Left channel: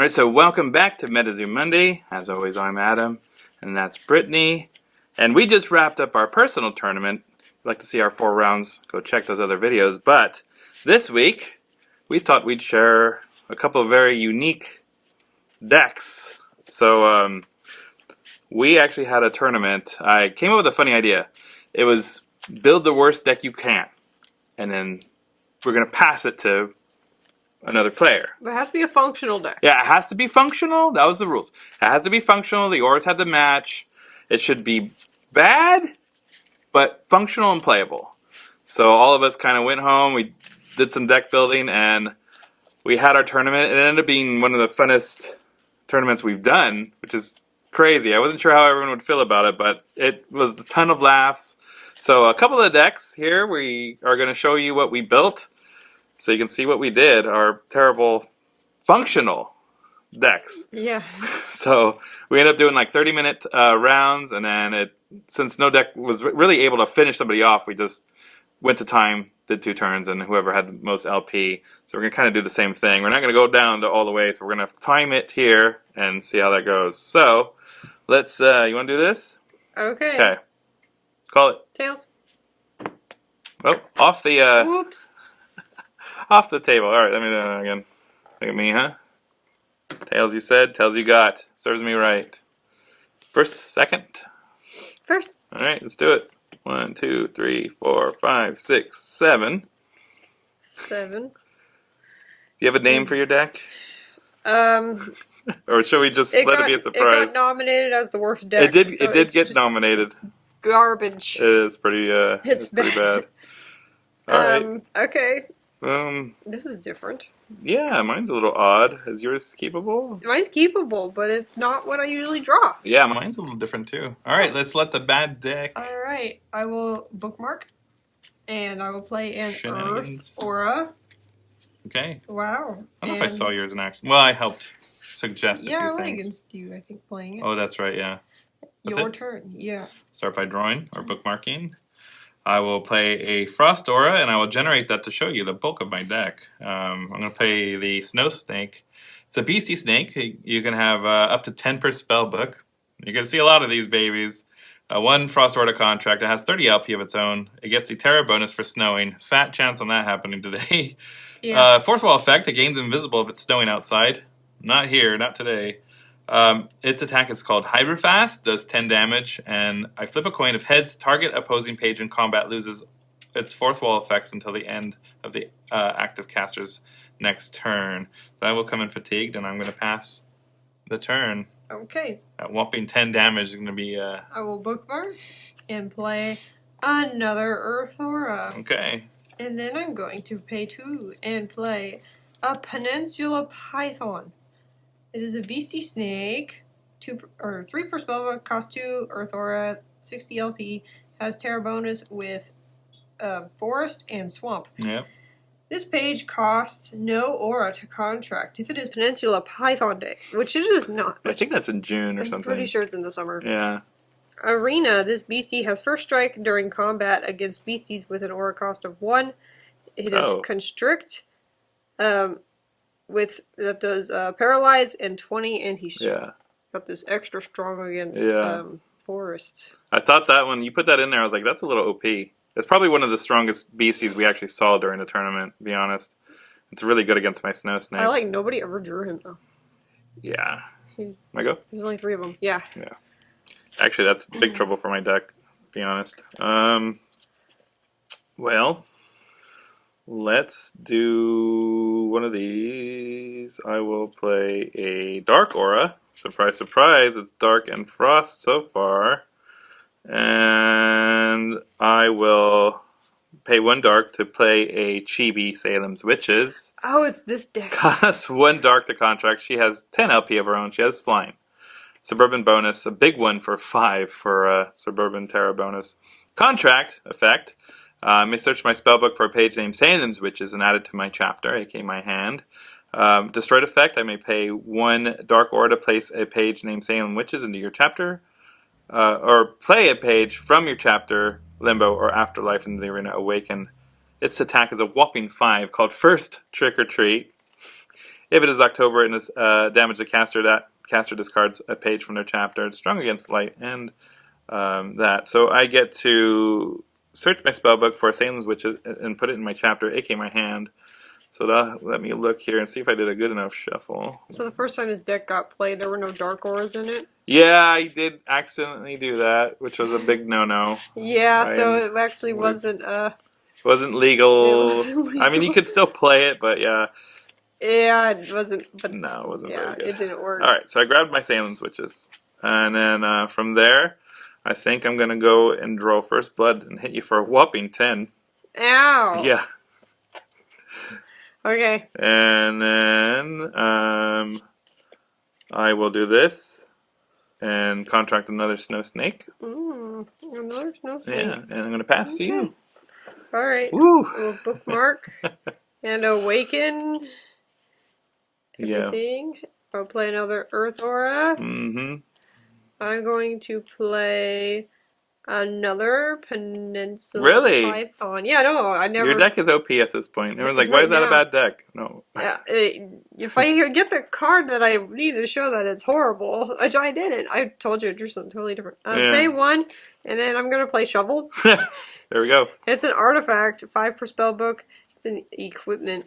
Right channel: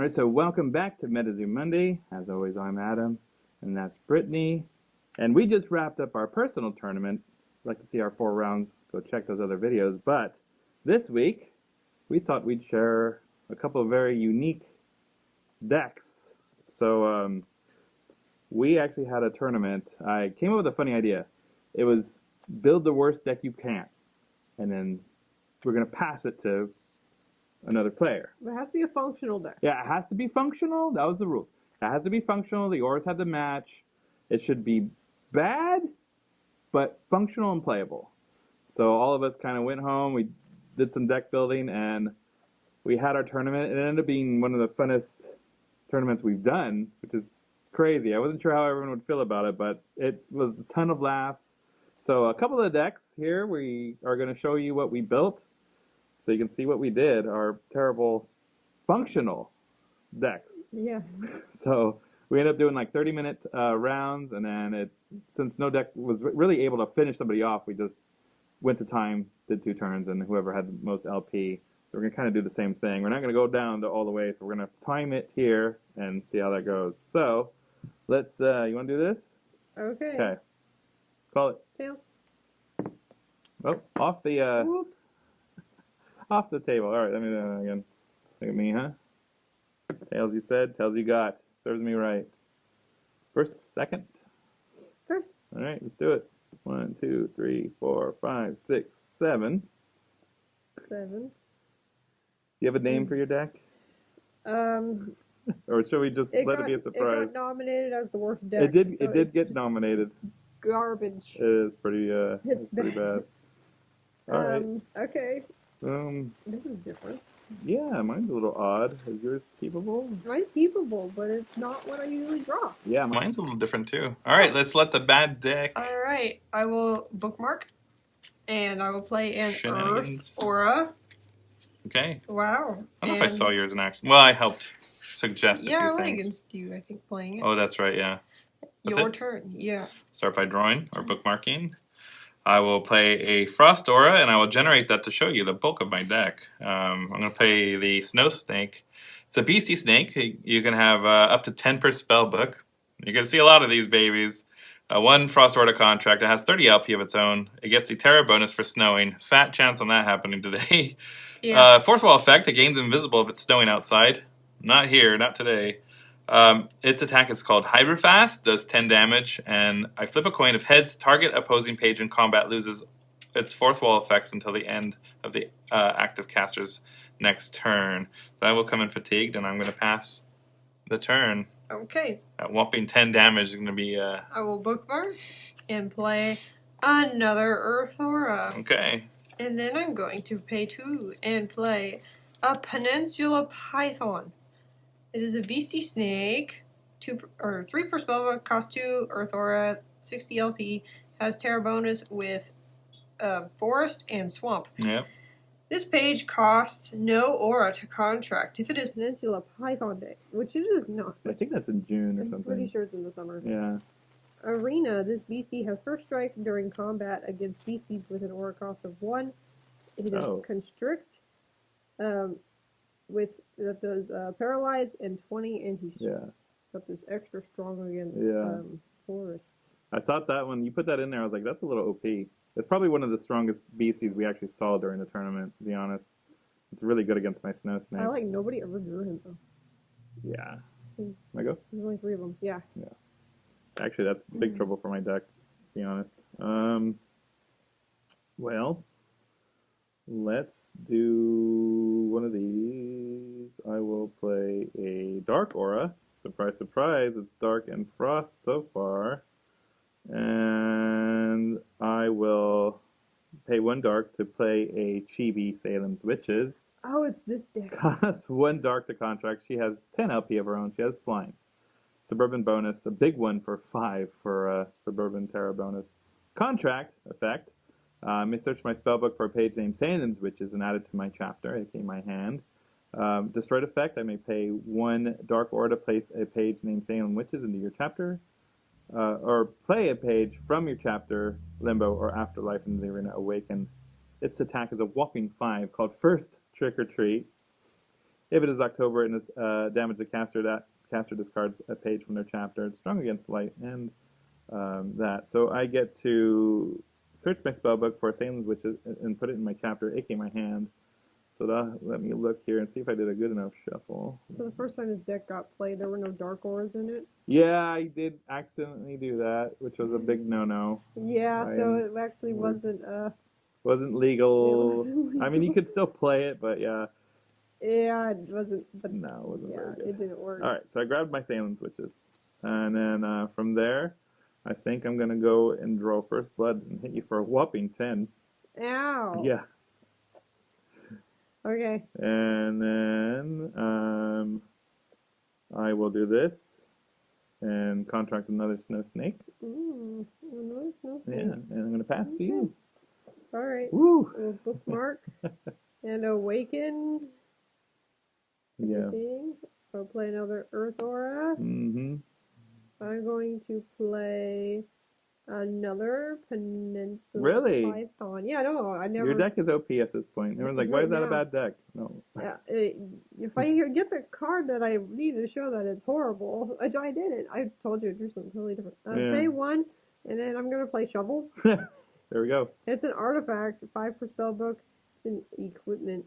All right, so welcome back to MetaZoo Monday. As always, I'm Adam, and that's Brittany. And we just wrapped up our personal tournament. If you'd like to see our 4 rounds, go check those other videos. But this week, we thought we'd share a couple of very unique decks. So we actually had a tournament. I came up with a funny idea. It was build the worst deck you can, and then we're going to pass it to another player. But it has to be a functional deck. Yeah, it has to be functional. That was the rules. It has to be functional. The auras had to match. It should be bad, but functional and playable. So all of us kind of went home. We did some deck building, and we had our tournament. It ended up being one of the funnest tournaments we've done, which is crazy. I wasn't sure how everyone would feel about it, but it was a ton of laughs. So a couple of decks here. We are going to show you what we built, so you can see what we did. Our terrible functional decks. Yeah. So we ended up doing like 30-minute rounds, and then since no deck was really able to finish somebody off, we just went to time, did 2 turns, and whoever had the most LP. So we're going to kind of do the same thing. We're not going to go down to all the way, so we're going to time it here and see how that goes. So let's, you want to do this? Okay. Okay. Let's call it. Tails. Oh, off the, Whoops. off the table. All right, let me do that again. Look at me, huh? Tails you said, tails you got. Serves me right. First, second. First. All right, let's do it. 1, 2, 3, 4, 5, 6, 7. 7. Do you have a name for your deck? Or should we just let it be a surprise? It got nominated as the worst deck. It did get nominated. Garbage. It is pretty. It's pretty bad. All right. Okay. Um. This is different. Yeah, mine's a little odd. Is yours keepable? Mine's keepable, but it's not what I usually draw. Yeah, mine's a little different too. All right, let's let the bad deck. All right. I will bookmark, and I will play an Shenanigans. Earth Aura. Okay. Wow. I don't know if I saw yours in action. Well, I helped suggest a Yeah, I few went things. against you, I think, playing it. Oh, that's right. Yeah. That's Your it? turn. Yeah. Start by drawing or bookmarking. I will play a Frost Aura, and I will generate that to show you the bulk of my deck. I'm going to play the Snow Snake. It's a beastie snake. You can have up to 10 per spell book. You're going to see a lot of these babies. 1 Frost Aura contract. It has 30 LP of its own. It gets the Terra bonus for snowing. Fat chance on that happening today. Yeah. Fourth wall effect. It gains invisible if it's snowing outside. Not here, not today. Its attack is called Hyperfast, does 10 damage, and I flip a coin. If heads, target opposing page in combat loses its fourth wall effects until the end of the active caster's next turn. Then I will come in fatigued, and I'm going to pass the turn. Okay. That whopping 10 damage is going to be... I will bookmark and play another Earth Aura. Okay. And then I'm going to pay 2 and play a Peninsula Python. It is a beastie snake, 3 per spellbook, cost 2, Earth Aura, 60 LP, has Terra bonus with Forest and Swamp. Yep. This page costs no aura to contract if it is Peninsula Python Day, which it is not. I think that's in June or I'm something. pretty sure it's in the summer. Yeah. Arena, this beastie has first strike during combat against beasties with an aura cost of 1. It is constrict. That does paralyze and 20, and he's got this extra strong against forest. I thought that when you put that in there, I was like, that's a little OP. It's probably one of the strongest beasties we actually saw during the tournament, to be honest. It's really good against my Snow Snake. Nobody ever drew him, though. Yeah. I go? There's only 3 of them. Yeah. Yeah. Actually, that's big trouble for my deck, to be honest. Well, let's do one of these. I will play a Dark Aura. Surprise, surprise, it's Dark and Frost so far. And I will pay 1 dark to play a Chibi Salem's Witches. Oh, it's this deck. Costs 1 dark to contract. She has 10 LP of her own. She has flying. Suburban bonus, a big one for 5 for Suburban Terra bonus. Contract effect. I may search my spellbook for a page named Salem's Witches and add it to my chapter, aka my hand. Destroyed effect, I may pay 1 dark aura to place a page named Salem Witches into your chapter. Or play a page from your chapter, Limbo, or Afterlife into the arena Awaken. Its attack is a whopping 5 called First Trick or Treat. If it is October and is damage the caster, that caster discards a page from their chapter. It's strong against light and that. So I get to search my spellbook for Salem's Witches and put it in my chapter, aka my hand. So let me look here and see if I did a good enough shuffle. So the first time this deck got played, there were no Dark Auras in it? Yeah, I did accidentally do that, which was a big no-no. Yeah, so it actually wasn't legal. It wasn't legal. I mean, you could still play it, but yeah. Yeah, it wasn't. But no, it wasn't yeah, very good. It didn't work. All right, so I grabbed my Salem's Witches, and then from there, I think I'm gonna go and draw First Blood and hit you for a whopping 10. Ow. Yeah. Okay. And then I will do this and contract another Snow Snake. Another Snow Snake. Yeah, and I'm gonna pass to you. All right. Woo. We'll bookmark and awaken everything. Yeah. I'll play another Earth Aura. Mm-hmm. I'm going to play another Peninsula Really? Python. Yeah, no, I never. Your deck is OP at this point. Everyone's like, why is that a bad deck? No. Yeah, if I get the card that I need to show that it's horrible, which I didn't. I told you to do something totally different. Pay 1, and then I'm going to play Shovel. There we go. It's an artifact, 5 per spell book. It's an equipment.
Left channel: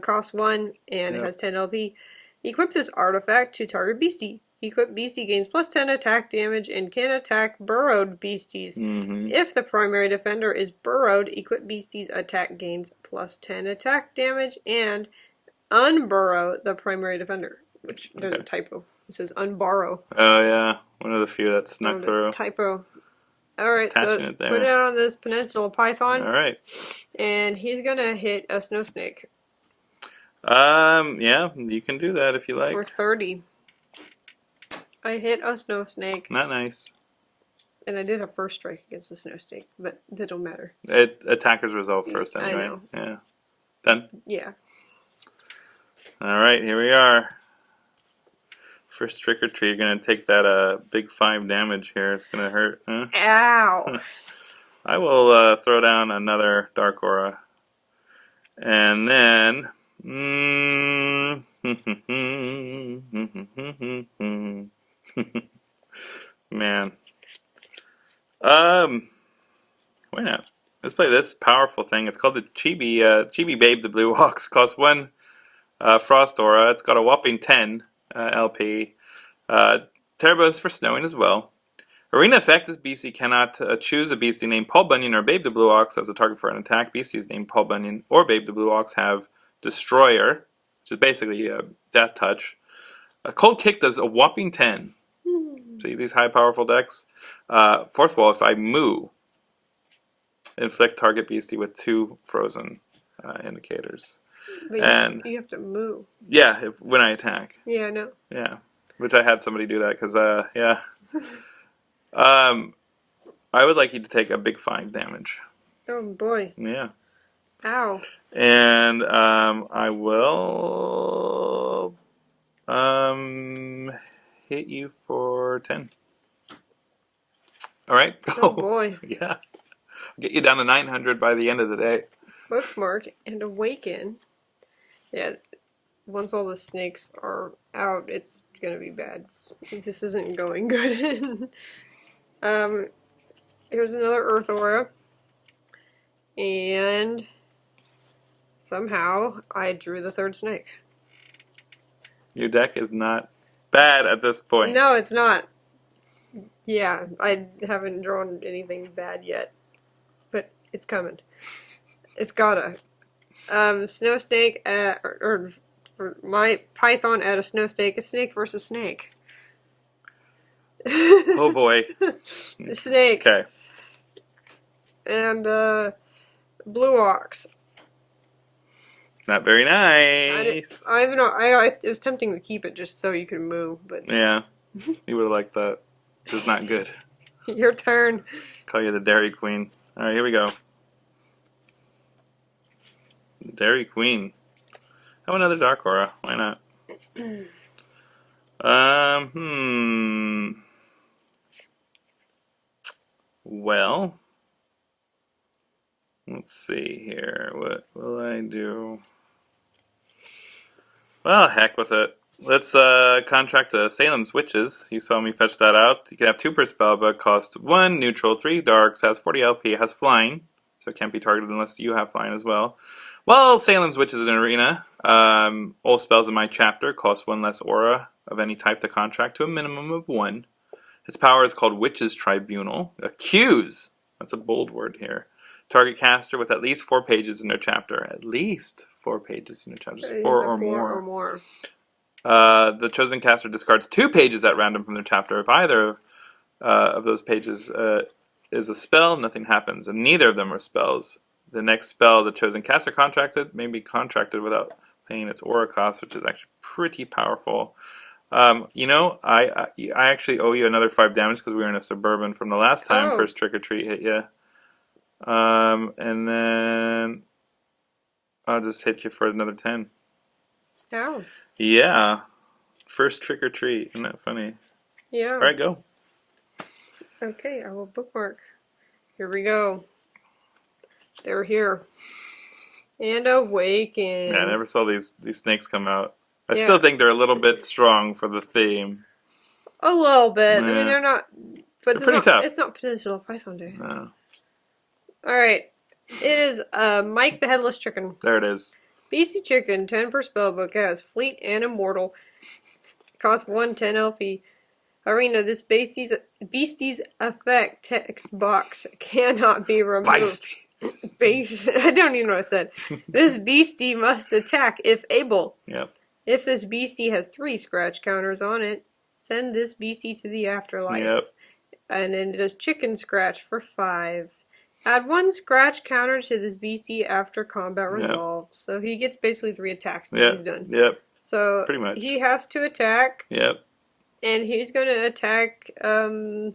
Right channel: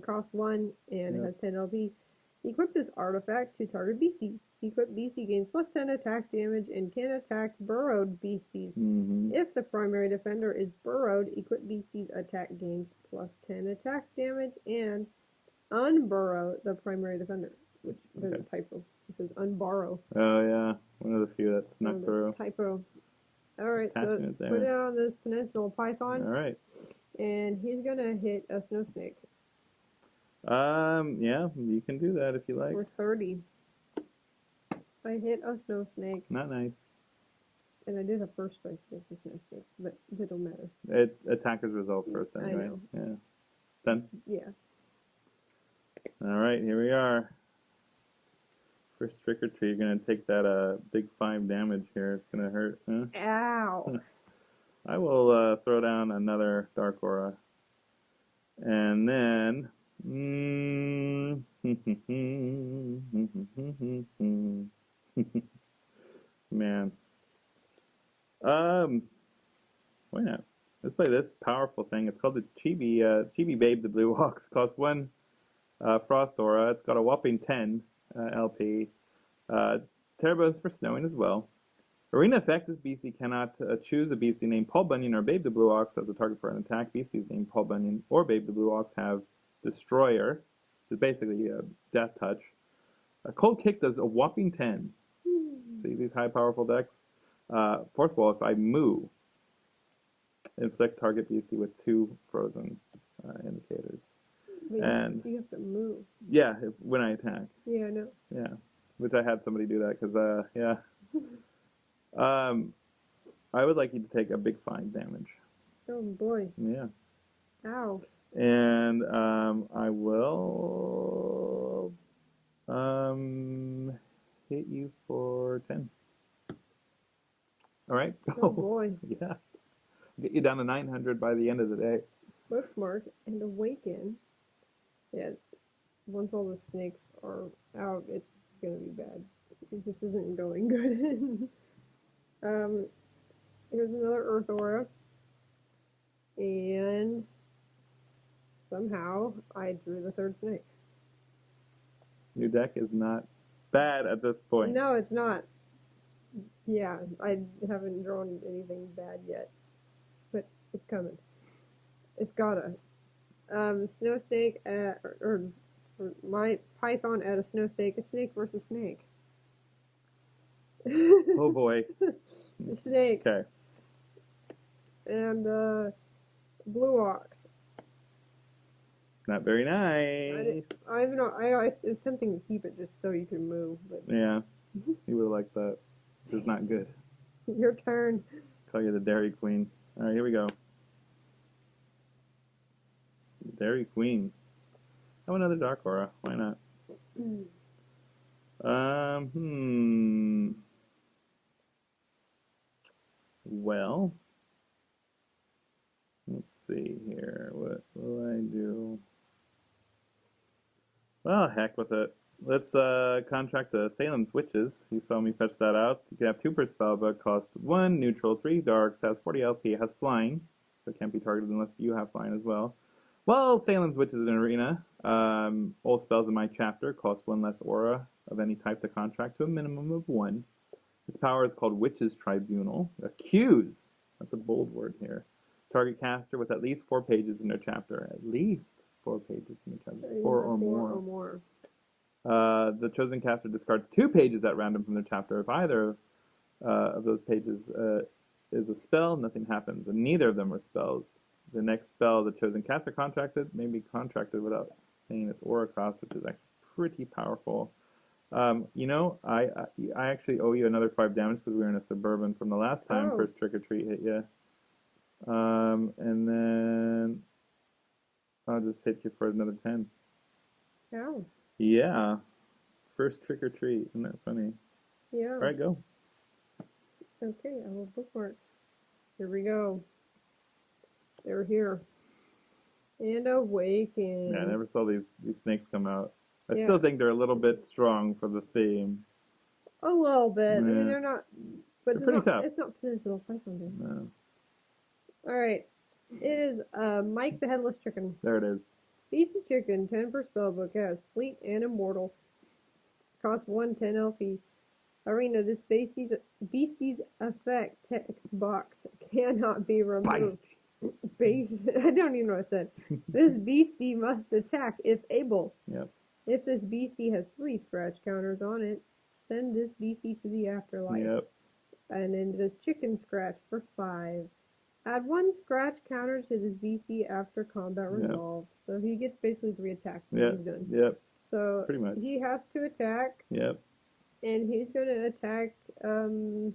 Costs 1, and it has 10 LP. Equip this artifact to target beastie. Equipped beastie gains +10 attack damage and can attack burrowed beasties. If the primary defender is burrowed, equipped beastie's attack gains +10 attack damage and unburrow the primary defender. Which there's a typo. It says unborrow. Oh yeah, one of the few that snuck through. Typo. All right, Attaching so it there. put it on this Peninsula Python. All right. And he's gonna hit a Snow Snake. Yeah, you can do that if you like. For 30. I hit a Snow Snake. Not nice. And I did a first strike against the Snow Snake, but that don't matter. Attackers resolve first anyway. I know. Yeah. 10. Yeah. All right, here we are. First trick or treat. You're gonna take that big 5 damage here. It's gonna hurt. Huh? Ow! I will throw down another Dark Aura, and then. Man. Why not? Let's play this powerful thing. It's called the Chibi Babe the Blue Ox. Costs 1 Frost Aura. It's got a whopping 10 LP. Turbo is for snowing as well. Arena effect, this beastie cannot choose a beastie named Paul Bunyan or Babe the Blue Ox as a target for an attack. Beasties named Paul Bunyan or Babe the Blue Ox have Destroyer, which is basically a Death Touch. A Cold Kick does a whopping 10. See these high powerful decks? Fourth wall, if I moo, inflict target beastie with 2 frozen indicators. But and you have to move. Yeah, when I attack. Yeah, I know. Yeah, which I had somebody do that because yeah. I would like you to take a big 5 damage. Oh boy. Yeah. Ow. And I will hit you for 10. All right. Oh boy. Yeah. I'll get you down to 900 by the end of the day. Bookmark and awaken. Yeah. Once all the snakes are out, it's gonna be bad. This isn't going good. Here's another Earth Aura. And somehow I drew the 3rd snake. Your deck is not bad at this point. No, it's not. Yeah, I haven't drawn anything bad yet. But it's coming. It's gotta. Snow snake or my Python at a Snow Snake. A snake versus snake. Oh boy. Snake. Okay. And Blue Ox. Not very nice. I even know. It was tempting to keep it just so you could move, but Yeah. You would have liked that. It's not good. Your turn. Call you the Dairy Queen. All right, here we go. Dairy Queen. Have another Dark Aura. Why not? Well, let's see here. What will I do? Well, heck with it. Let's contract to Salem's Witches. You saw me fetch that out. You can have 2 per spell, but cost 1 neutral, 3 darks, has 40 LP, has flying, so it can't be targeted unless you have flying as well. Well, Salem's Witches is an arena. All spells in my chapter cost 1 less aura of any type to contract to a minimum of 1. Its power is called Witches Tribunal. Accuse! That's a bold word here. Target caster with at least 4 pages in their chapter. At least 4 pages in their chapter. Just 4 or more. The chosen caster discards 2 pages at random from their chapter. If either of those pages is a spell, nothing happens, and neither of them are spells. The next spell the chosen caster contracted may be contracted without paying its aura cost, which is actually pretty powerful. You know, I actually owe you another 5 damage because we were in a Suburban from the last time first Trick or Treat hit you. And then I'll just hit you for another 10. Ow. Yeah. First Trick or Treat. Isn't that funny? Yeah. All right, go. Okay, I will bookmark. Here we go. They're here. And awaken. Yeah, I never saw these snakes come out. I still think they're a little bit strong for the theme. A little bit. Yeah. I mean, they're not. But They're pretty tough. It's not Peninsula Python Day. No. Alright. It is Mike the Headless Chicken. There it is. Beastie Chicken, 10 per spellbook. It has Fleet and Immortal. Costs 110 LP. Arena, this beastie's effect text box cannot be removed. I don't even know what I said. This beastie must attack if able. Yep. If this beastie has 3 scratch counters on it, send this beastie to the afterlife. Yep. And then it does chicken scratch for 5. Add 1 scratch counter to this beastie after combat resolves. So he gets basically 3 attacks and he's done. Yep. So pretty much. He has to attack. Yep. And he's going to attack, I don't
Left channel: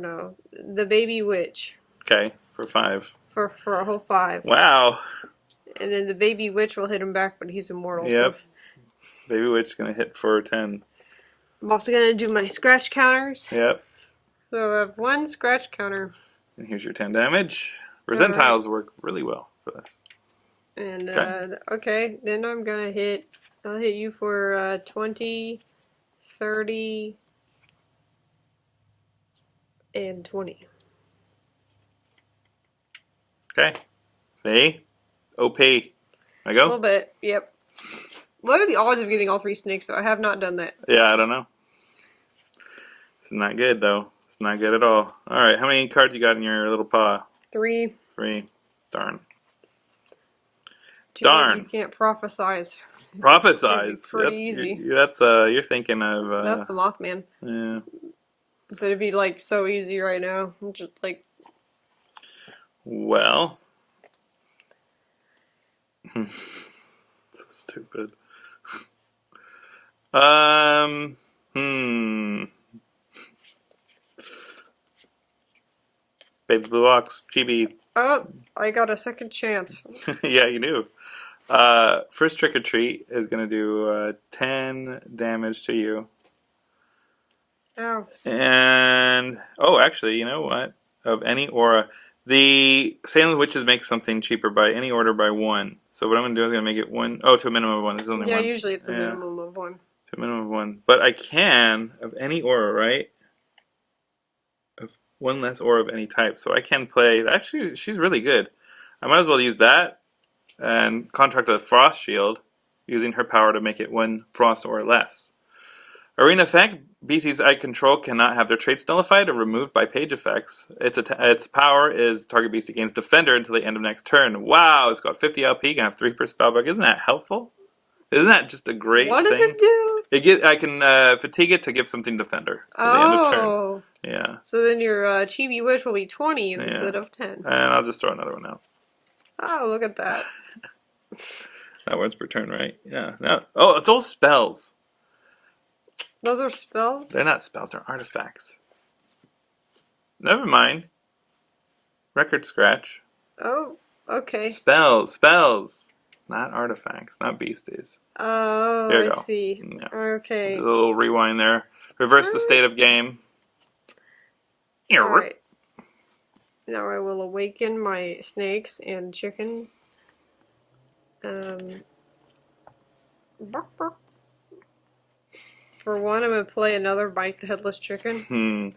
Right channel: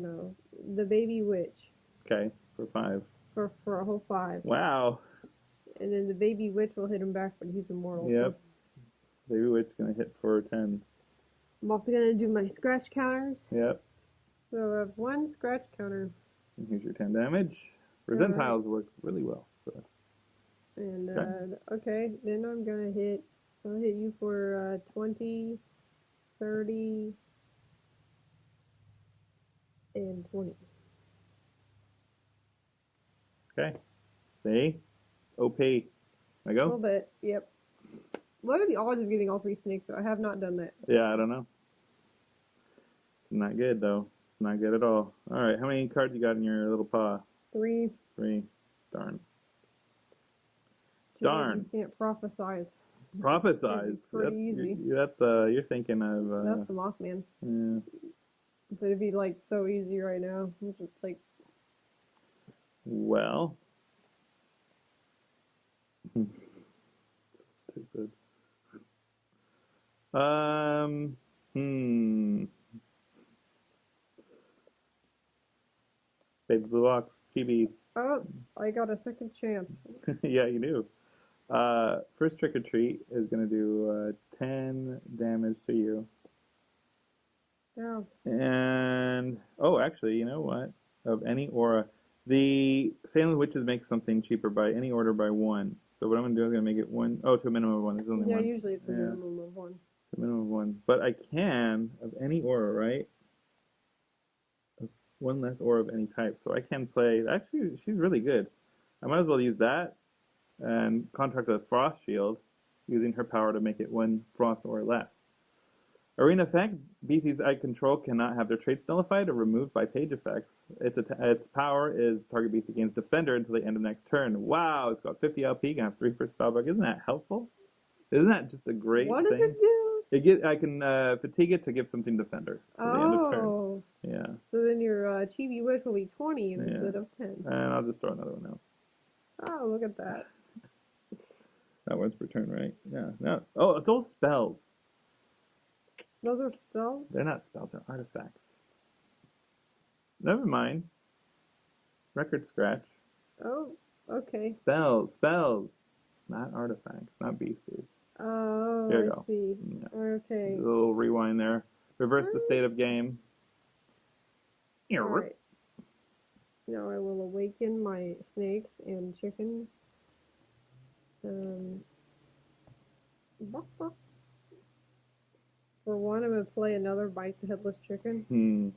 know, the baby witch. Okay, for 5. For a whole 5. Wow. And then the baby witch will hit him back, but he's immortal. Yep. So. Baby witch is going to hit for 10. I'm also going to do my scratch counters. Yep. So I have 1 scratch counter. And here's your 10 damage. Percentiles work really well for this. And, okay, then I'm going to hit, I'll hit you for 20, 30, and 20. Okay. See? OP. I A go? little bit, yep. What are the odds of getting all 3 snakes, though? I have not done that. Yeah, I don't know. It's not good, though. It's not good at all. Alright, how many cards you got in your little paw? 3. 3. Darn. Darn. You can't prophesize. Prophesize. Pretty easy. That's you're thinking of that's the Mothman. Yeah. But it'd be like so easy right now. I'm just like well. So stupid. Baby Blue Ox, Chibi. oh, I got a second chance. Yeah, you do. First Trick or Treat is going to do 10 damage to you. Ow. And, oh, actually, you know what? Of any aura. The Salem Witches make something cheaper by any order by 1. So what I'm going to do is I'm going to make it 1. Oh, to a minimum of 1. This is only 1. Usually it's a minimum of 1. To a minimum of 1. But I can, of any aura, right? Of 1 less aura of any type. So I can play, actually, she's really good. I might as well use that and contract a Frost Shield using her power to make it 1 Frost or less. Arena effect, BCs I control cannot have their traits nullified or removed by page effects. Its power is target beastie gains Defender until the end of next turn. Wow, it's got 50 LP, can have 3 per spellbook. Isn't that helpful? Isn't that just a great thing? What does it do? I can fatigue it to give something Defender to the end of turn. Yeah. So then your Chibi Wish will be 20 instead of 10. And I'll just throw another one out. Oh, look at that. That one's per turn, right? Yeah. No. Oh, it's all spells. Those are spells? They're not spells, they're artifacts. Never mind. Record scratch. Oh, okay. Spells. Not artifacts, not beasties. Oh, There you I go. see. Yeah. Okay. A little rewind there. Reverse the state of game. Alright. Now I will awaken my snakes and chicken. Bark, bark. For one, I'm going to play another Bite the Headless Chicken.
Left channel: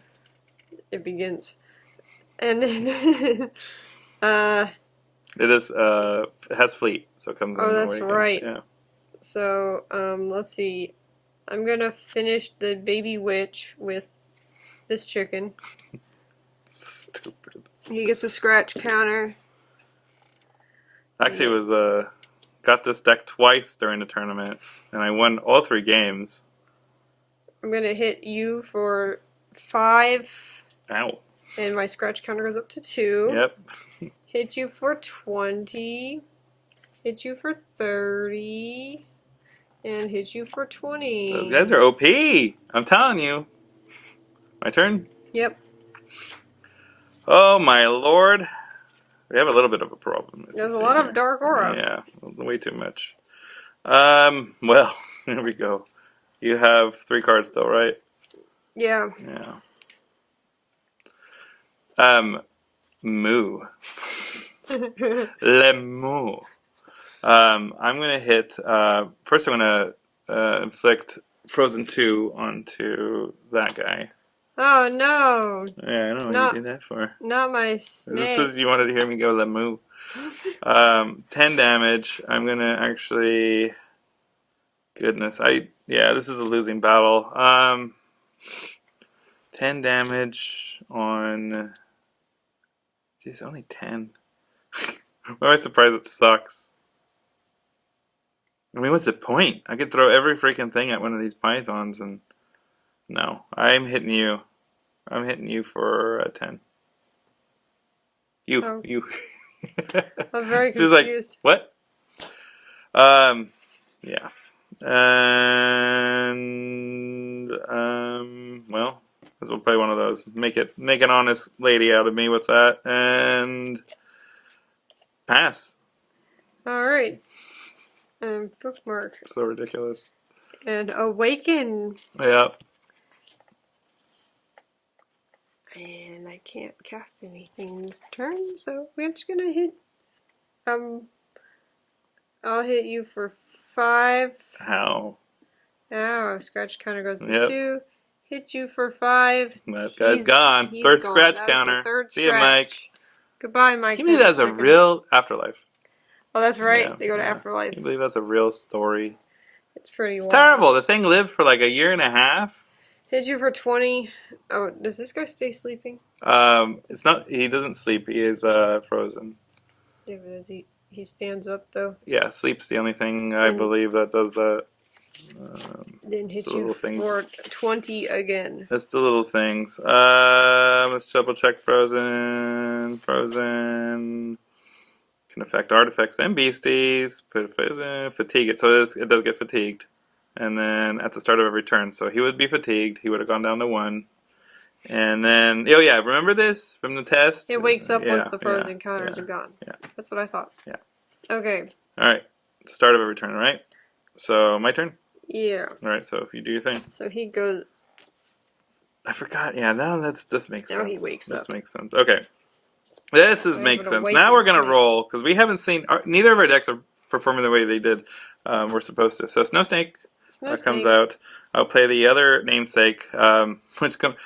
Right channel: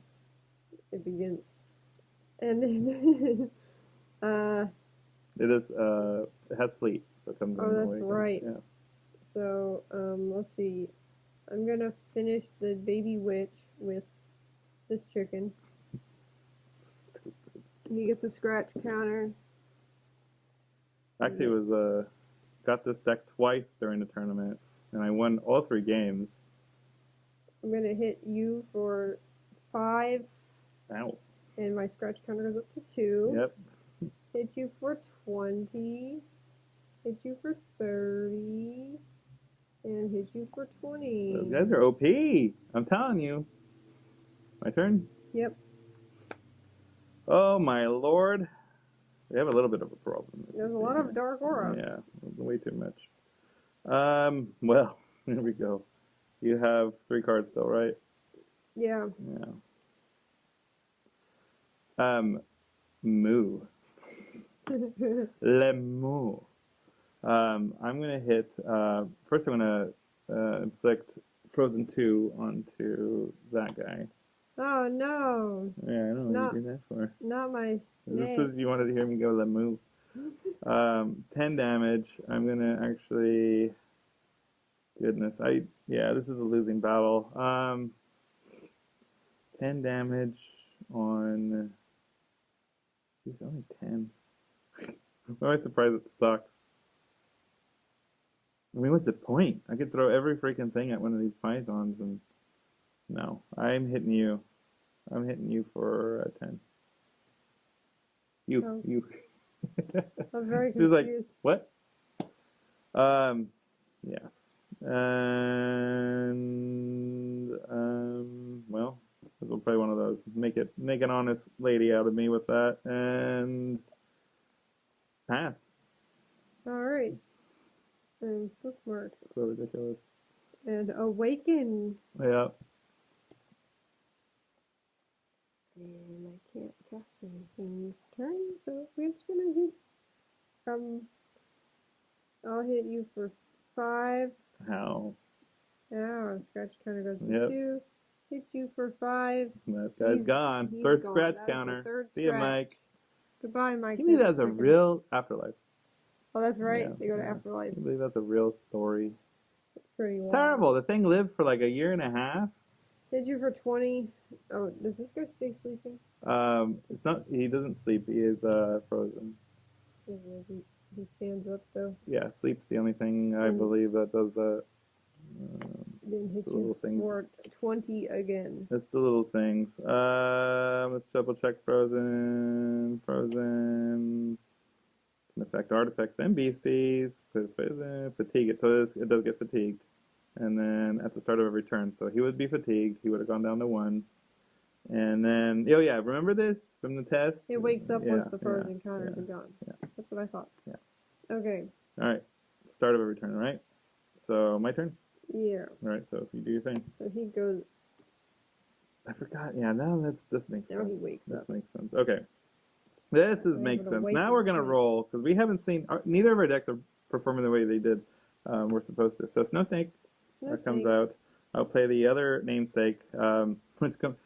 It begins. And then, it is, it has fleet, so it comes in. Oh, that's right. Yeah. So, let's see. I'm going to finish the Baby Witch with this chicken. Stupid. He gets a scratch counter. Actually, it was, got this deck twice during the tournament, and I won all 3 games. I'm going to hit you for 5. Ow. And my scratch counter goes up to 2. Yep. Hit you for 20. Hit you for 30. And hit you for 20. Those guys are OP. I'm telling you. My turn? Yep. Oh, my lord. We have a little bit of a problem. There's a lot of dark aura. Yeah, way too much. Well, here we go. You have 3 cards still, right? Yeah. Yeah. Moo. Le moo. I'm gonna hit. First, I'm gonna inflict Frozen 2 onto that guy. Oh no! Yeah, I don't know what you did that for. Not my snake. This is you wanted to hear me go Le moo. 10 damage. I'm gonna actually. Goodness, this is a losing battle. 10 damage on. Jeez, only 10. Why am I surprised it sucks? I mean, what's the point? I could throw every freaking thing at one of these pythons and... No, I'm hitting you. I'm hitting you for a 10. You. I'm very She's like, confused. what? Yeah. And, well, this will play one of those. Make an honest lady out of me with that. And pass. Alright. Bookmark. So ridiculous. And awaken. Yeah. And I can't cast anything this turn, so we're just gonna hit. I'll hit you for 5. How? Ow, scratch counter goes to Yep. 2. Hit you for 5. That guy's gone. He's Third gone. scratch That was counter. the third See you, scratch. Mike. Goodbye, Mike. Can you believe that's a real afterlife? Oh, that's right. Yeah, They go to yeah. Afterlife. Can you believe that's a real story? It's pretty It's wild. terrible. The thing lived for like a year and a half. Hit you for 20. Oh, does this guy stay sleeping? It's not. He doesn't sleep. He is frozen. Yeah, but does he stands up though? Yeah, sleep's the only thing I believe that does that. Then hit the you little things. for 20 again. That's the little things. Let's double check frozen. Frozen can affect artifacts and beasties. Put fatigue it, so it does get fatigued. And then at the start of every turn, so he would be fatigued. He would have gone down to 1. And then, oh yeah, remember this from the test? It wakes up once the frozen counters are gone. Yeah. That's what I thought. Yeah. Okay. All right. Start of every turn, right? So my turn. Yeah. All right. So if you do your thing. So he goes. I forgot. Yeah. Now this makes sense. Now he wakes up. This makes sense. Okay. This makes sense. Now we're gonna roll because we haven't seen neither of our decks are performing the way they did. We're supposed to. So Snow Snake comes out. I'll play the other namesake, which comes.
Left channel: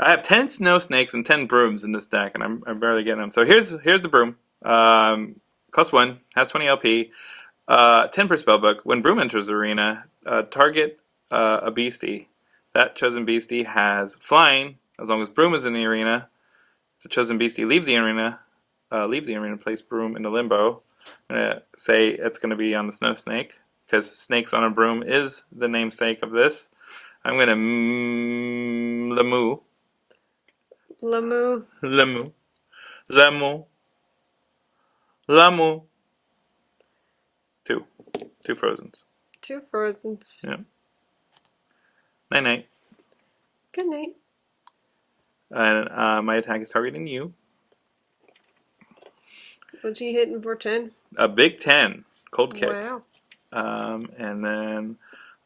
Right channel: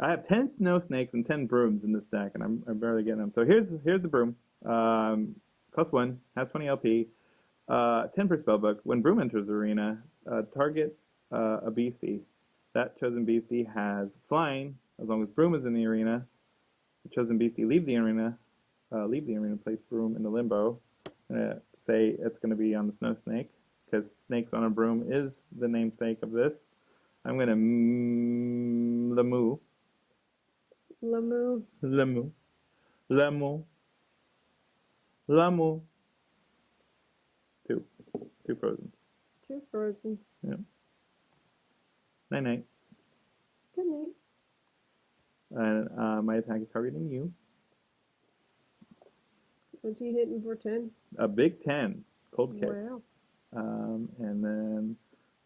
I have 10 Snow Snakes and 10 Brooms in this deck, and I'm barely getting them. So here's the Broom. Costs 1, has 20 LP, 10 per spellbook. When Broom enters the arena, target a beastie. That chosen beastie has flying, as long as Broom is in the arena. If the chosen beastie leaves the arena, place Broom into limbo. I'm going to say it's going to be on the Snow Snake, because Snakes on a Broom is the namesake of this. I'm going to Lamoo. Lamoo. Lamoo. Lamoo. Lamoo. 2. 2 Frozens. 2 Frozens. Yeah. Night-night. Good night. And my attack is targeting you. What's he hitting for 10? A big 10. Cold kick. Wow. And then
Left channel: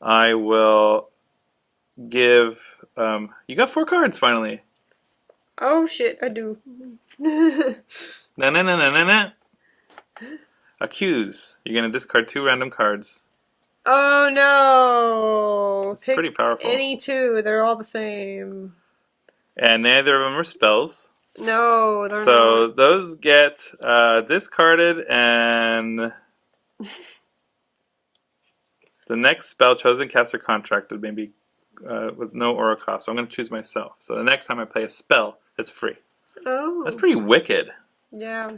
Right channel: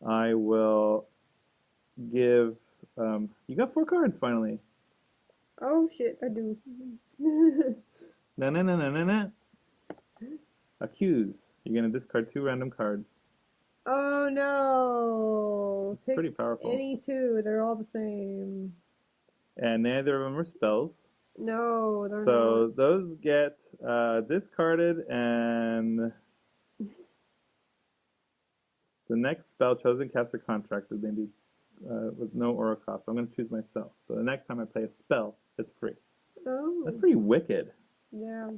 I will give... you got 4 cards, finally. Oh, shit, I do. Na. Accuse. You're going to discard 2 random cards. Oh no! It's Pick pretty powerful. any two. They're all the same. And neither of them are spells. No, they're So not. those get discarded, and the next spell chosen, cast, or contracted may be with no aura cost. So I'm going to choose myself. So the next time I play a spell, it's free. Oh. That's pretty wicked. Yeah.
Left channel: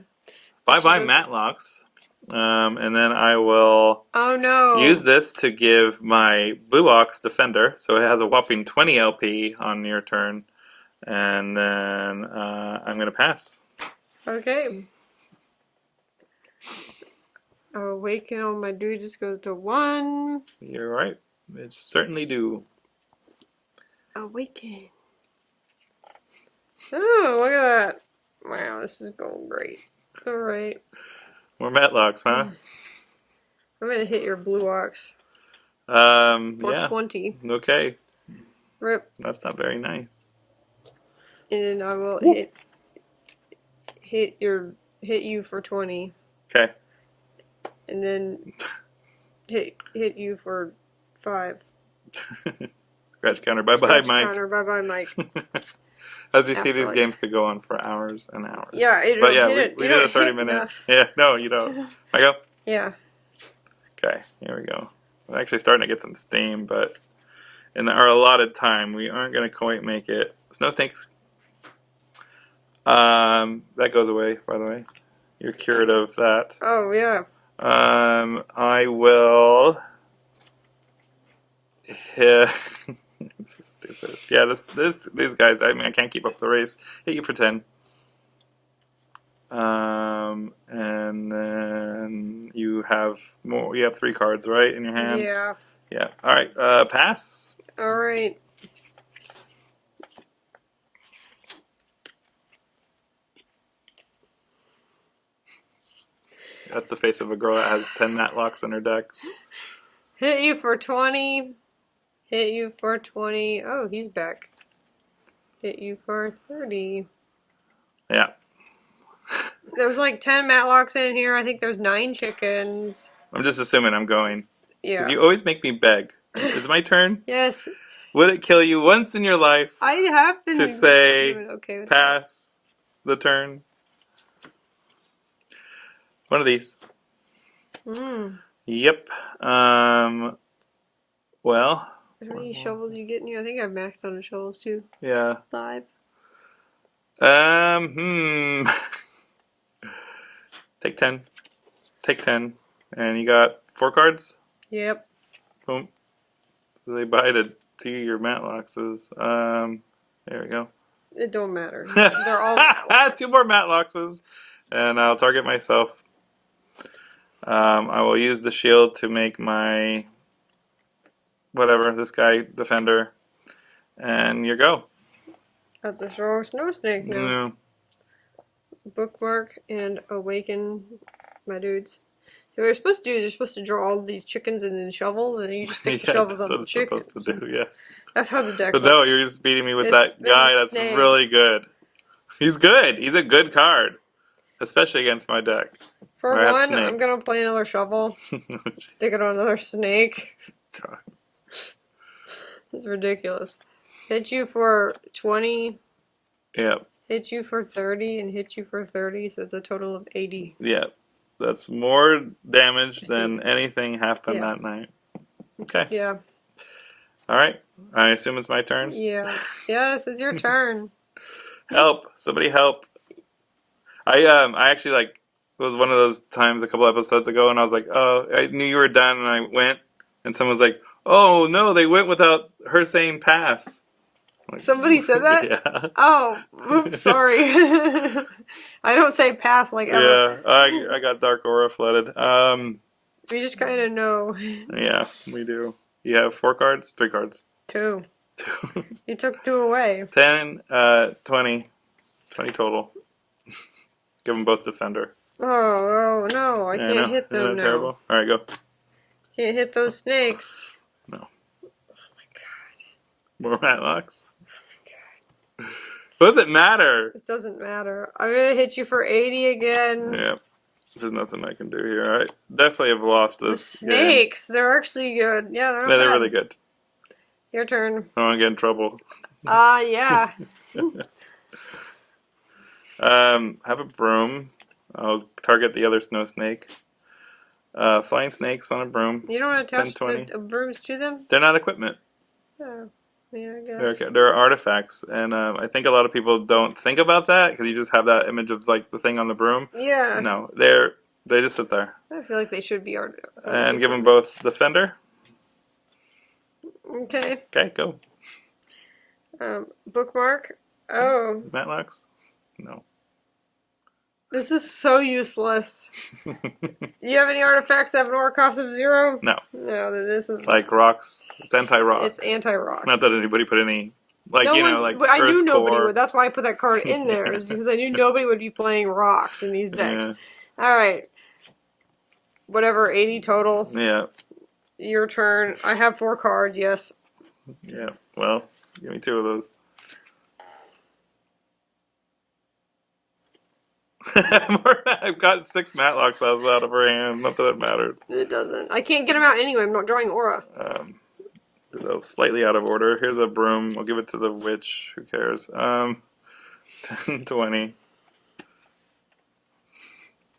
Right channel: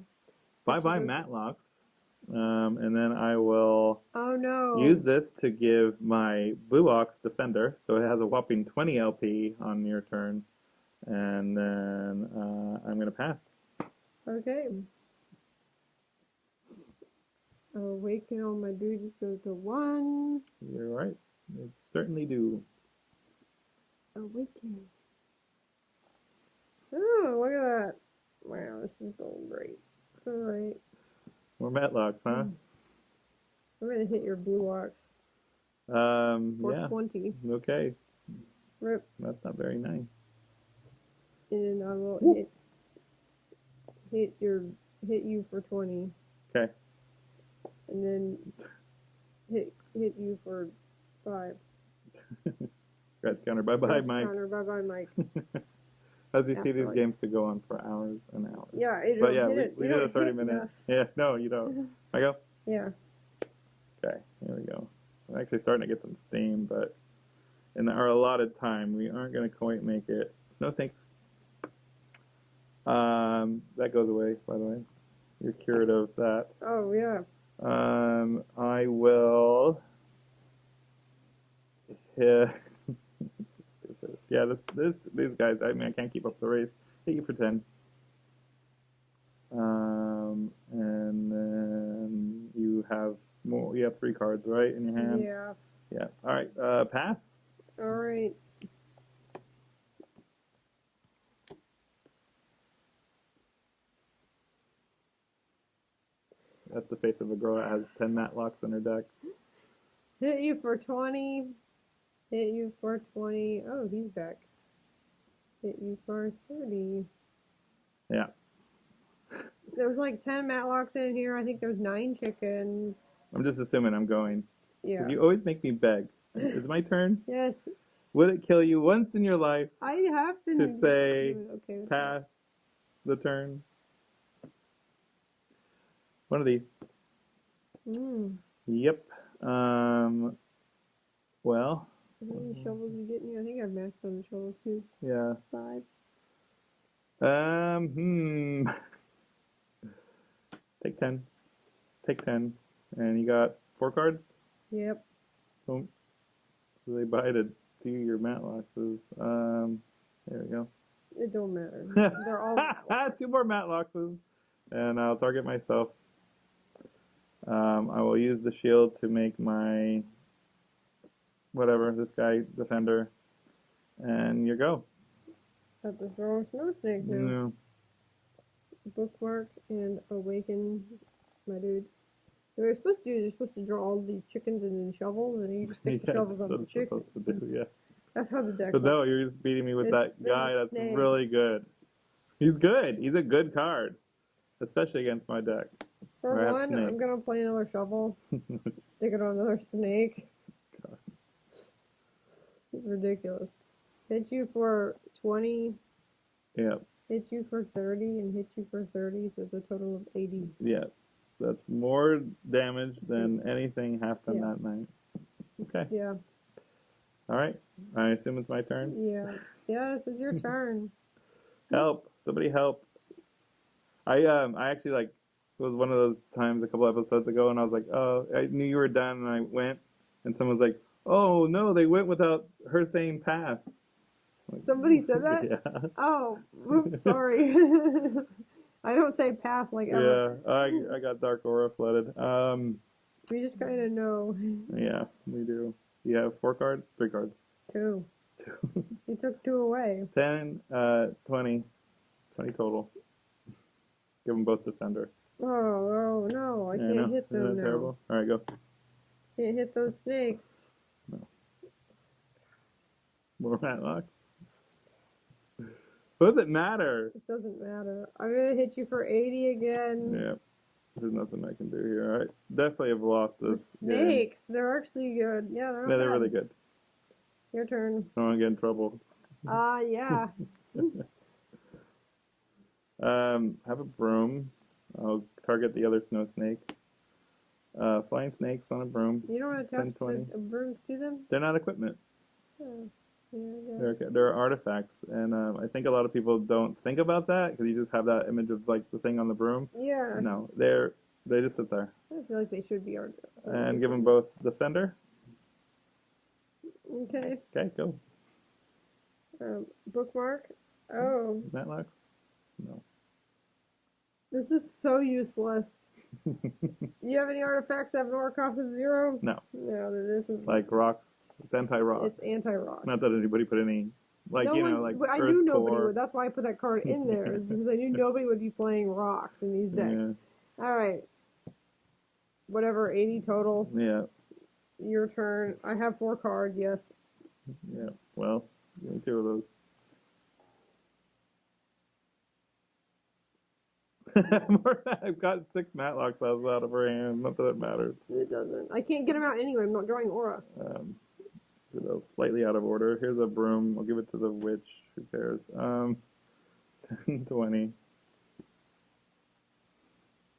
Bye She bye does- Matlocks. And then I will Oh no. use this to give my Blue Ox Defender. So it has a whopping 20 LP on your turn. And then I'm going to pass. Okay. Awaken on my dude just goes to 1. You're right. It certainly do. Awaken. Oh, look at that. Wow, this is going great. Alright. More Matlocks, huh? I'm gonna hit your blue ox. For Yeah. 20. Okay. Rip. That's not very nice. And then I will hit you for 20. Okay. And then hit you for 5. Scratch counter. Bye bye, Scratch Mike. counter. Bye bye, Mike. As you see, these Afterlife. games could go on for hours and hours. Yeah, But yeah, hit we you did don't a 30 hit minute. enough. Yeah, no, you don't. I go? Yeah. Okay, here we go. I'm actually starting to get some steam, but in our allotted time, we aren't going to quite make it. Snow snakes. That goes away, by the way. You're cured of that. Oh, yeah. I will. Yeah. This is stupid. Yeah, these guys. I mean, I can't keep up the race. Hit you for 10. And then you have more. You have 3 cards, right, in your hand. Yeah. Yeah. All right. Pass. Alright. That's the face of a girl that has 10 Matlocks in her decks. Hit you for 20. Hit you for 20. Oh, he's back. Hit you for 30. Yeah. There's like 10 Matlocks in here. I think there's 9 chickens. I'm just assuming I'm going. Yeah. Because you always make me beg. Is it my turn? Yes. Would it kill you once in your life I have been to say doing okay with pass the turn? One of these. that. Mm. Yep. Well. How many shovels you get in here? I think I've maxed on the shovels too. Yeah. 5. Take 10. Take 10. And you got 4 cards? Yep. Boom. So they buy to your Matloxes. There we go. It don't matter. They're all Matlocks. 2 more Matloxes. And I'll target myself. I will use the shield to make my whatever, this guy, defender. And you go. That's a strong snow snake now. Yeah. Bookmark and awaken my dudes. So what you're supposed to do is you're supposed to draw all these chickens and then shovels, and you just stick the shovels that's on what the it's chickens. supposed to do, yeah. That's how the deck But works. no, you're just beating me with It's that been guy a that's snake. really good. He's good. He's a good card. Especially against my deck. For I have one, I'm snakes. gonna play another shovel. Stick it on another snake. God. It's ridiculous. Hit you for 20, Yep. hit you for 30, and hit you for 30, so it's a total of 80. Yeah. That's more damage than anything happened Yeah. that night. Okay. Yeah. Alright. I assume it's my turn. Yeah. Yes, it's your turn. Help. Somebody help. I actually like it was one of those times a couple episodes ago and I was like, oh, I knew you were done and I went and someone was like, oh no, they went without her saying pass. Like, Somebody said that? Yeah. Oh, oops, sorry. I don't say pass like ever. Yeah, I got Dark Aura flooded. We just kind of know. Yeah, we do. You have 4 cards? 3 cards. 2. 2. You took 2 away. 10, 20. 20 total. Give them both defender. Oh no, I can't hit them Isn't that now. terrible? Alright, go. Can't hit those snakes. No. Oh my god. More Matlocks? What does it matter? It doesn't matter. I'm gonna hit you for 80 again. Yeah. There's nothing I can do here. I definitely have lost The this game. snakes, they're actually good. Yeah, they're not Yeah, they're bad. really good. Your turn. I don't want to get in trouble. Yeah. Have a broom. I'll target the other snow snake. Flying snakes on a broom. You don't attach 10, 20. the brooms to them? They're not equipment. Oh, yeah, I guess. They're artifacts, and I think a lot of people don't think about that because you just have that image of like the thing on the broom. Yeah. No, they just sit there. I feel like they should be art. And give them both the fender. Okay. Okay, go. Bookmark. Oh, Matlocks? No. this is so useless. Do you have any artifacts that have an aura cost of 0? No. No, then this is Like rocks. It's anti-rock. It's anti-rock. Not that anybody put any, like, No you know, one- like I knew Earth's nobody core. would. That's why I put that card in there. Is because I knew nobody would be playing rocks in these decks. Yeah. All right. Whatever, 80 total. Yeah. Your turn. I have 4 cards. Yes. Yeah. Well, give me 2 of those. I've got 6 Matlocks out of her hand. Not that it mattered. It doesn't. I can't get them out anyway. I'm not drawing aura. Slightly out of order. Here's a broom. I'll give it to the witch. Who cares? 10, 20.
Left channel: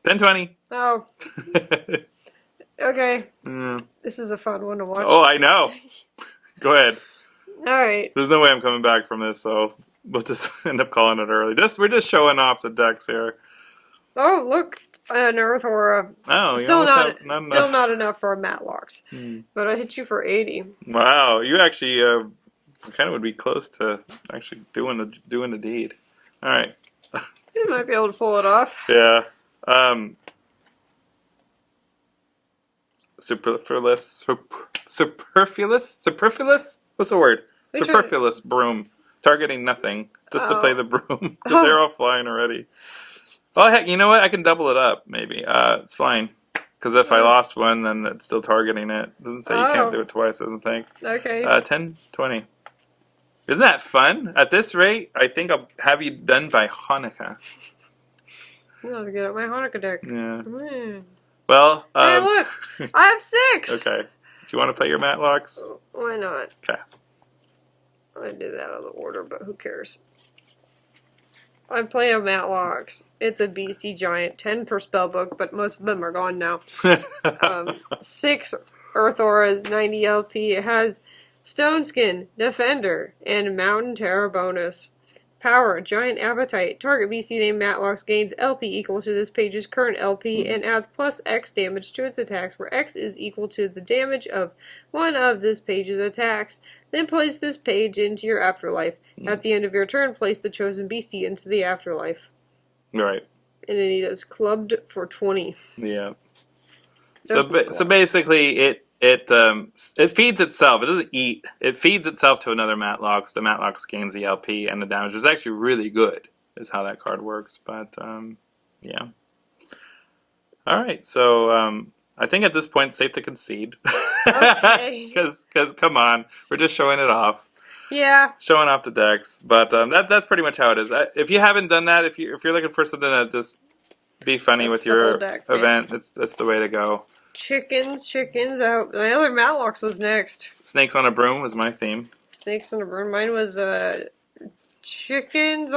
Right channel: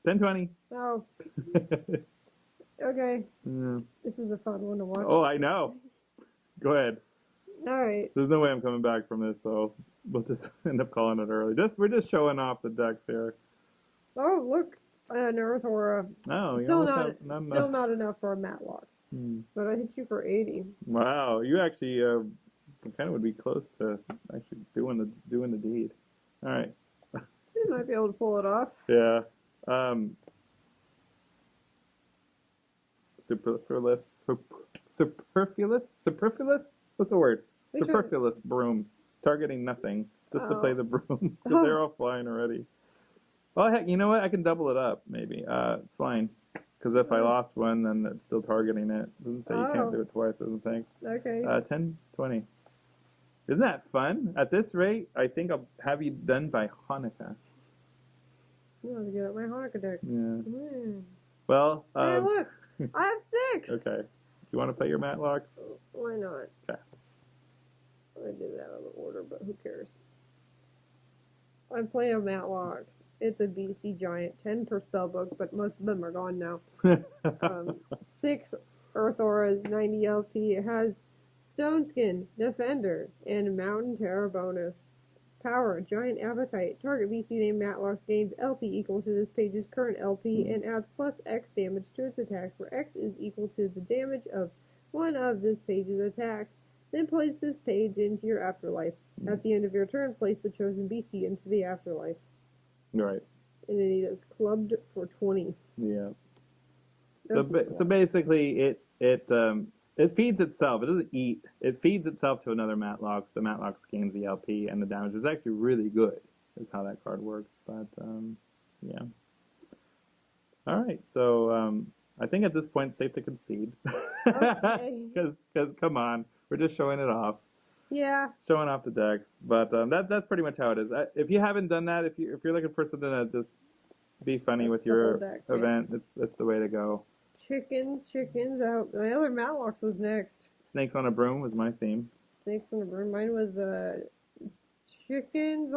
10, 20. Oh, okay. Mm. This is a fun one to watch. Oh, I know. Go ahead. All right. There's no way I'm coming back from this, so we'll just end up calling it early. We're just showing off the decks here. Oh, look, an Earth Aura. Oh, Still not not enough for a Matlocks. But I hit you for 80. Wow, you actually kind of would be close to actually doing the deed. All right. You might be able to pull it off. Yeah. Superfluous. What's the word? Which Superfluous broom. Targeting nothing. Just to play the broom. Because they're all flying already. Oh, heck, you know what? I can double it up, maybe. It's fine. Because if I lost one, then it's still targeting it. It doesn't say you can't do it twice, I don't think. Okay. 10, 20. Isn't that fun? At this rate, I think I'll have you done by Hanukkah. I'm going to get out my Hanukkah deck. Yeah. Mm. Well, Hey, look! I have 6! Okay. Do you want to play your Matlocks? Why not? Okay. I did that out of order, but who cares? I'm playing Matlocks. It's a beastie giant, 10 per spellbook, but most of them are gone now. 6 Earth Auras, 90 LP. It has Stone Skin, Defender, and Mountain Terror bonus. Power, Giant Appetite. Target beastie named Matlocks gains LP equal to this page's current LP and adds plus X damage to its attacks, where X is equal to the damage of one of this page's attacks. Then place this page into your afterlife. At the end of your turn, place the chosen beastie into the afterlife. Right. And then he does clubbed for 20. Yeah. So basically, it feeds itself. It doesn't eat. It feeds itself to another Matlocks. The Matlocks gains the LP and the damage is actually really good. Is how that card works. But yeah. All right. So I think at this point it's safe to concede. Okay. Because come on, we're just showing it off. Yeah. Showing off the decks. But that's pretty much how it is. If you haven't done that, if you're looking for something to just be funny with your event, that's the way to go. Chickens out. My other Matlocks was next. Snakes on a broom was my theme. Snakes on a broom. Mine was chickens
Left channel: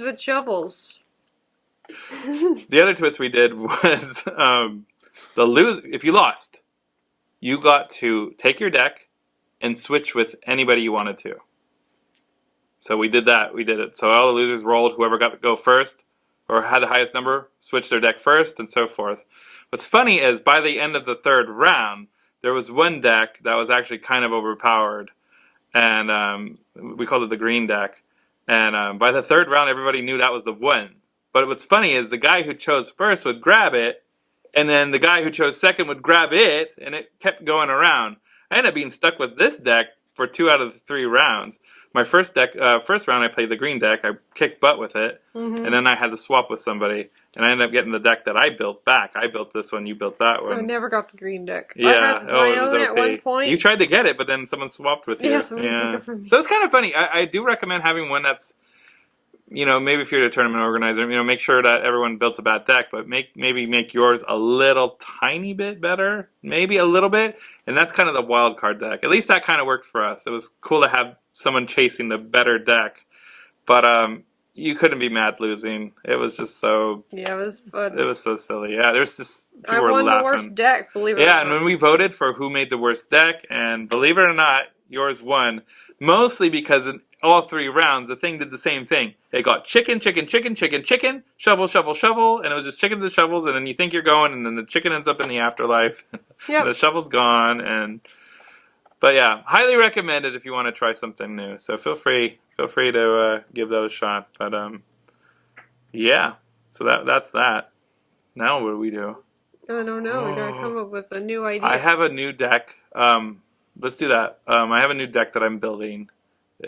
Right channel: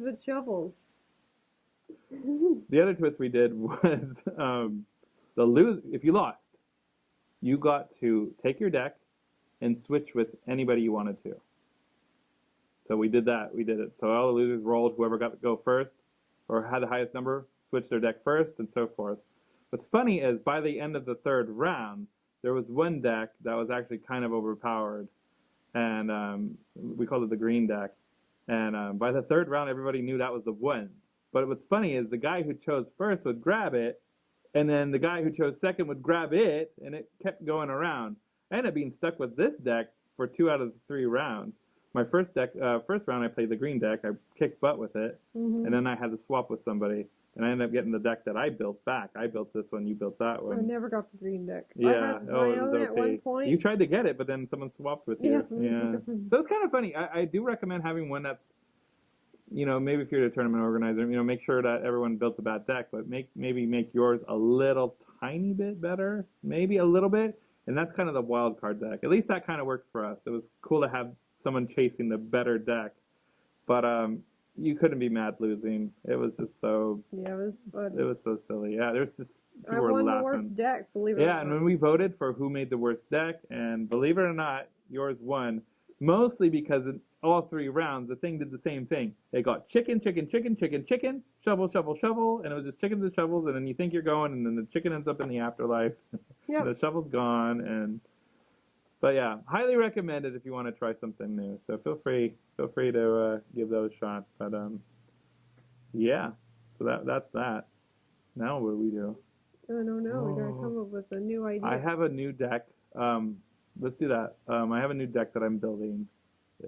with shovels. The other twist we did was if you lost, you got to take your deck and switch with anybody you wanted to. So we did that. We did it. So all the losers rolled. Whoever got to go first or had the highest number switched their deck first, and so forth. What's funny is by the end of the 3rd round, there was one deck that was actually kind of overpowered, and we called it the green deck. And by the 3rd round, everybody knew that was the one. But what's funny is the guy who chose first would grab it, and then the guy who chose second would grab it, and it kept going around. I ended up being stuck with this deck for 2 out of the 3 rounds. My first round I played the green deck. I kicked butt with it, and then I had to swap with somebody, and I ended up getting the deck that I built back. I built this one, you built that one. I never got the green deck. Yeah, I had my it was own okay. at one point. You tried to get it, but then someone swapped with you. Yeah, someone took it from me. So it's kind of funny. I do recommend having one that's maybe if you're a tournament organizer, make sure that everyone built a bad deck, but maybe make yours a little tiny bit better, maybe a little bit, and that's kind of the wild card deck. At least that kind of worked for us. It was cool to have someone chasing the better deck, but you couldn't be mad losing. It was just so. Yeah, it was fun. It was so silly. Yeah, there's just people I were won laughing. the worst deck, believe it or Yeah, not. and when we voted for who made the worst deck, and believe it or not, yours won. Mostly because in all 3 rounds, the thing did the same thing. It got chicken, chicken, chicken, chicken, chicken, shovel, shovel, shovel, and it was just chickens and shovels, and then you think you're going, and then the chicken ends up in the afterlife. Yep. And the shovel's gone, but yeah, highly recommended if you want to try something new. So feel free to give that a shot. But yeah, so that's that. Now what do we do? I don't know. We gotta come up with a new idea. I have a new deck. Let's do that. I have a new deck that I'm building.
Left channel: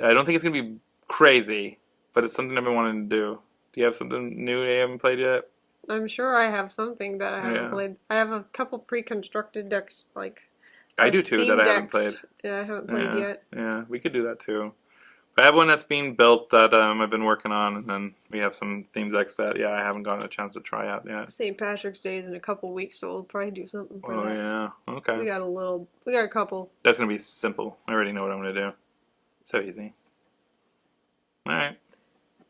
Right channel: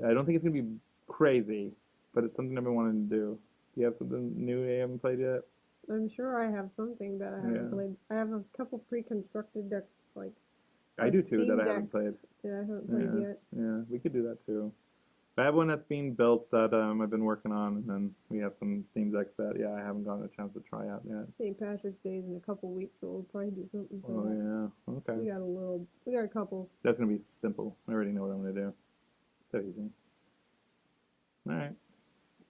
I don't think it's gonna be crazy, but it's something I've been wanting to do. Do you have something new you haven't played yet? I'm sure I have something that I haven't played. I have a couple pre-constructed decks, I do too, that I haven't played. Yeah, I haven't played yet. Yeah, we could do that too. I have one that's being built that I've been working on, and then we have some themes decks that I haven't gotten a chance to try out yet. St. Patrick's Day is in a couple weeks, so we'll probably do something for that. Oh yeah, okay. We got a couple. That's gonna be simple. I already know what I'm gonna do. So easy. All right.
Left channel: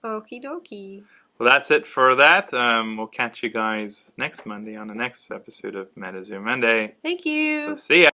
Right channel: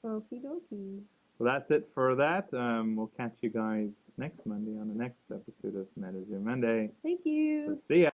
Okie dokie. Well, that's it for that. We'll catch you guys next Monday on the next episode of MetaZoo Monday. Thank you. So see ya.